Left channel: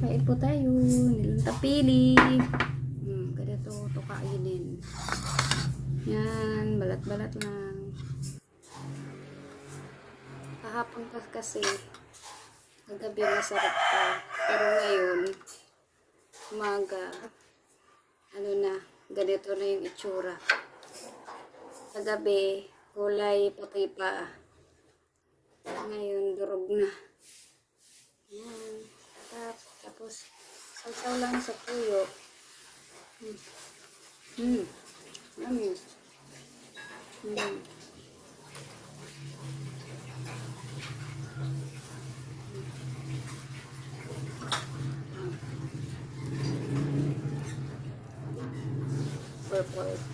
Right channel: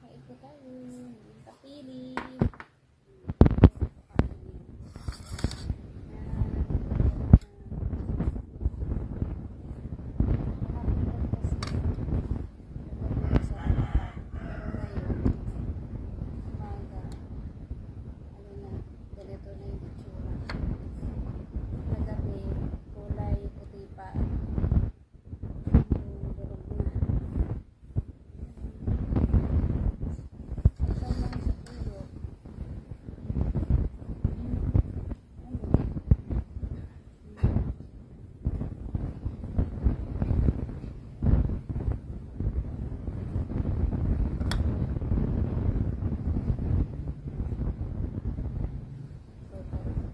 Kain po tayo. Nilang tapili. Ganito ito kainin. Yan. Balat-balat lang. Kahapon pa kasi kagabi masarap pa. Pero ngayon umaga ano na, ganito na yung itsura. Kagabi kulay puti pa. Ngayon durog na. Yan. Tapos sausaw lang sa tuyo. Amin. Purple.